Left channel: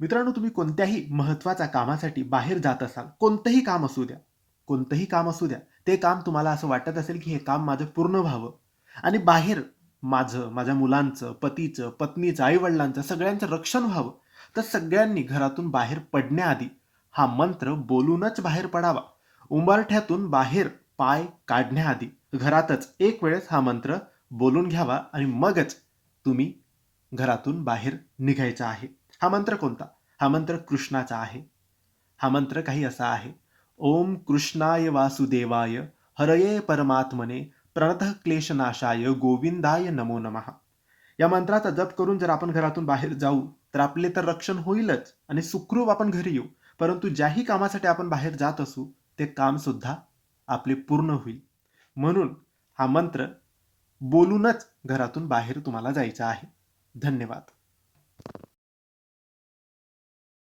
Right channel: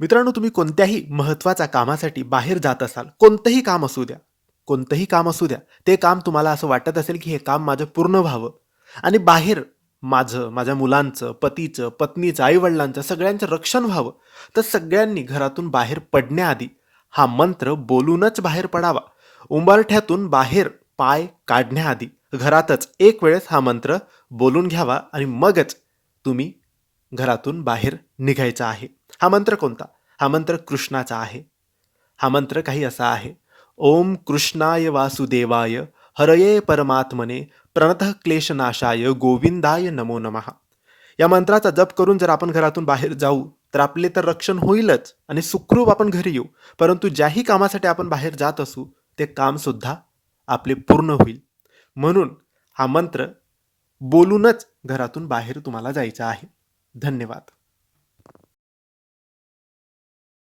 मित्रांनो, तुम्ही कोणत्याही महत्त्वाच्या कामासाठी बाहेर जात असाल, कोणतंही काम असू द्या, कोणतंही काम असू द्या, ते काम तुम्हाला असं वाटत असेल, की हे काम माझं पूर्ण व्हावं आणि बाहेर माझं, माझ्या मुलांचं, पतीचं, पत्नीचं, आई-वडिलांचं सगळ्यांचं रक्षण व्हावं, तर सगळ्यांनी घरातून बाहेर पडण्याआधी हा मंत्र बोलूनच बाहेर पडावा. उंबरठ्यातून बाहेर पाय काढण्याआधी घरातच एक वेळेस हा मंत्र बोलून घ्यावा आणि मगच तुम्ही घरातून बाहेर निघायचं आहे. हा मंत्र कोणता? हा मंत्र कृष्णाचा आहे. हा मंत्र काही असा आहे. ओम कृष्णाय वासुदेवाय हरये परमात्मने प्रणतः क्लेशनाशाय गोविंदाय नमो नमः. या मंत्राचा जप करून जर आपण घरातून बाहेर जाऊ, तर आपले तर रक्षण होईलच आणि सुखरूप आपण घरी येऊ. परंतु ज्याही कामासाठी आपण बाहेर जात असू, ते कामसुद्धा आपले पूर्ण होईल. म्हणून हा मंत्र बोलूनच घरातून बाहेर तुम्हाला जायचं आहे. धन्यवाद.